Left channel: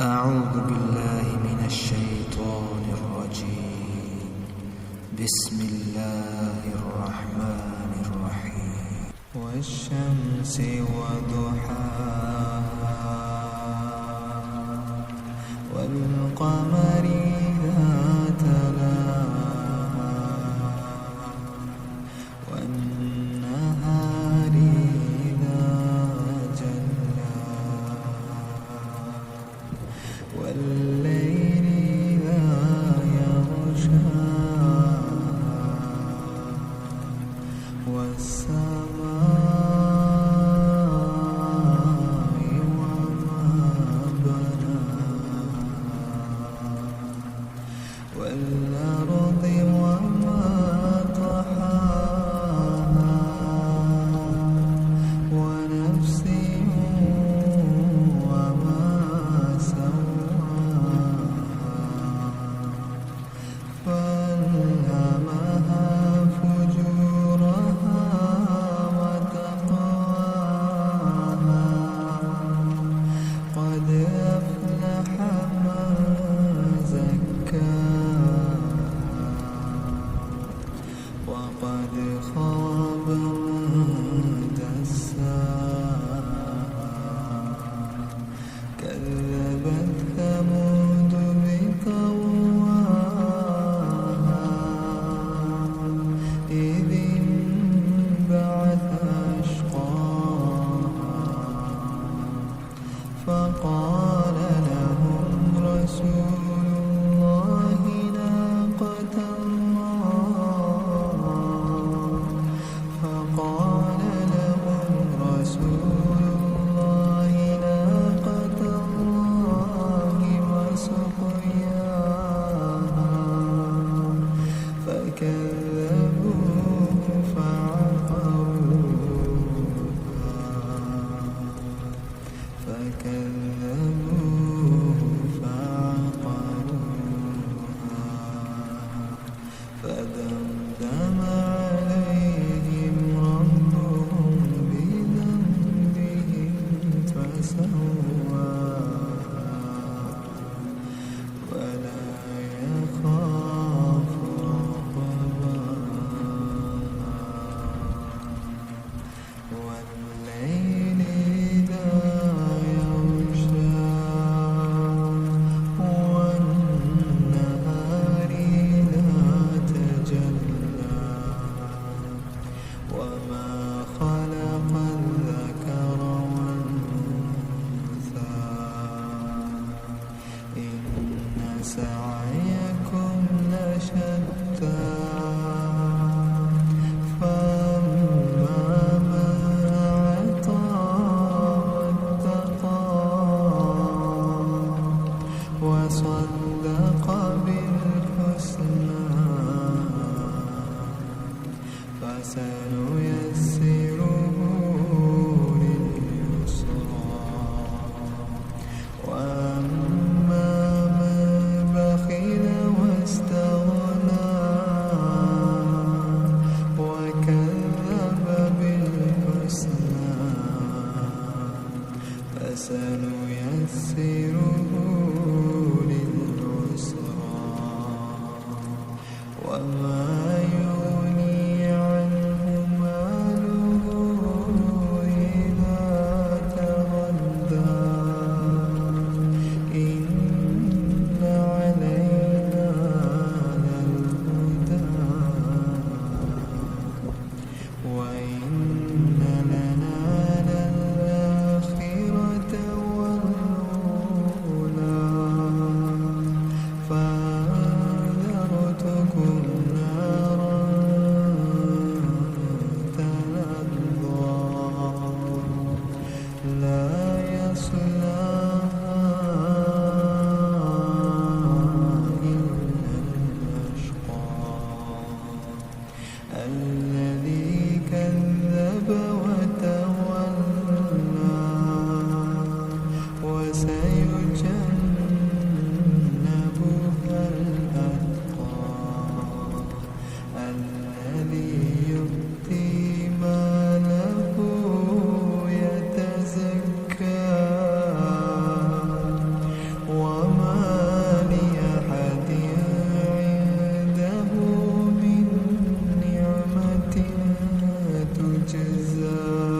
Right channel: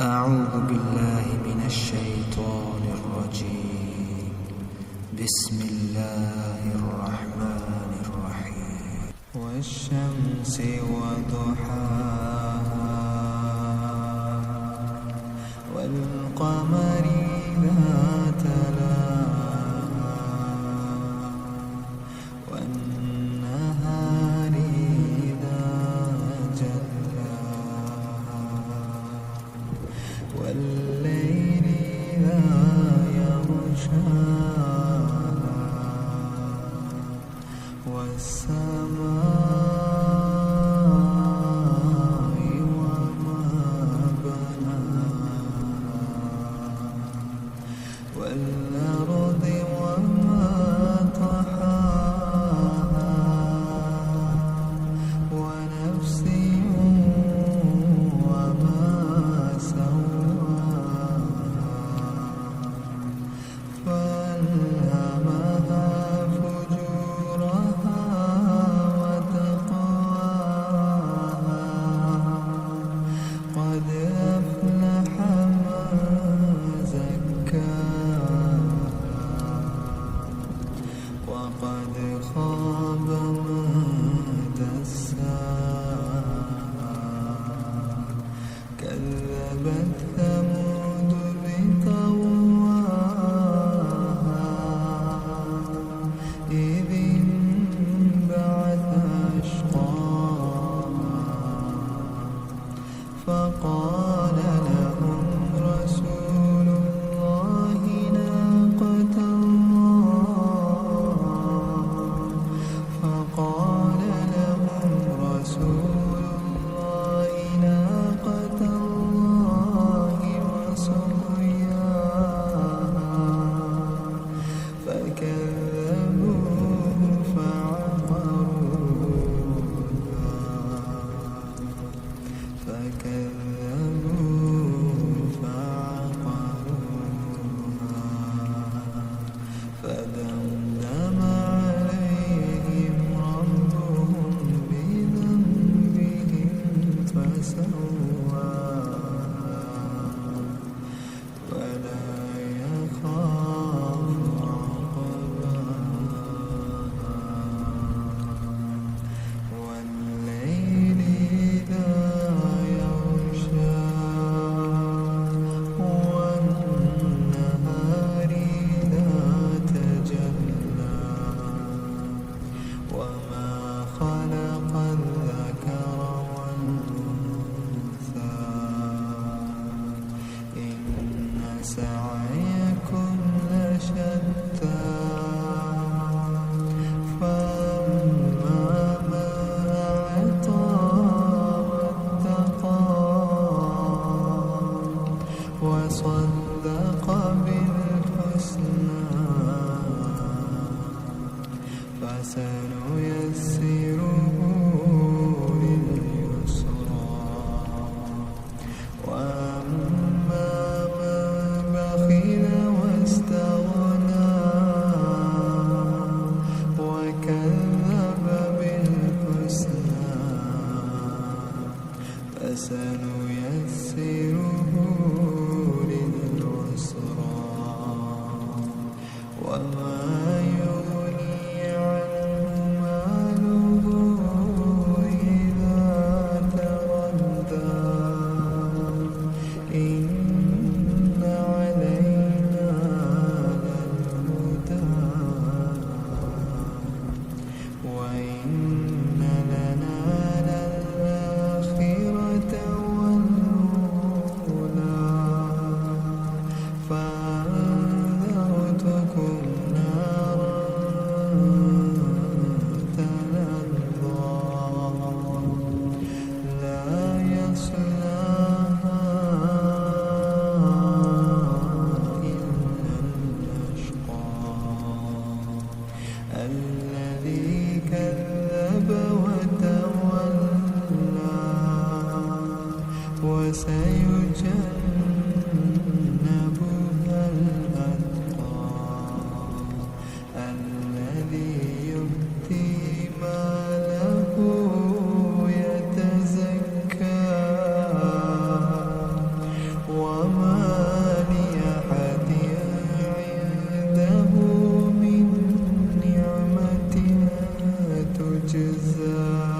أعوذ بالله من الشيطان الرجيم. بسم الله الرحمن الرحيم. والشمس وضحاها والقمر إذا تلاها والنهار إذا جلاها والليل إذا يغشاها والسماء وما بناها والأرض وما طحاها ونفس وما سواها فألهمها فجورها وتقواها قد أفلح من زكاها وقد خاب من دساها كذبت ثمود بطغواها إذ انبعث أشقاها فقال لهم رسول الله ناقة الله فقال لهم رسول الله ناقة الله وسقياها فكذبوه فعقروها فدمدم عليهم ربهم بذنبهم فسواها ولا يخاف عقباها والليل إذا يغشى والنهار إذا تجلى وما خلق الذكر والأنثى إن سعيكم لشتى فأما من أعطى واتقى وصدق بالحسنى فسنيسره لليسرى وأما من بخل واستغنى وكذب بالحسنى فسنيسره للعسرى وما يغني عنه ماله إذا تردى إن علينا للهدى وإن لنا للآخرة والأولى فأنذرتكم وما لأحد عنده من نعمة تجزى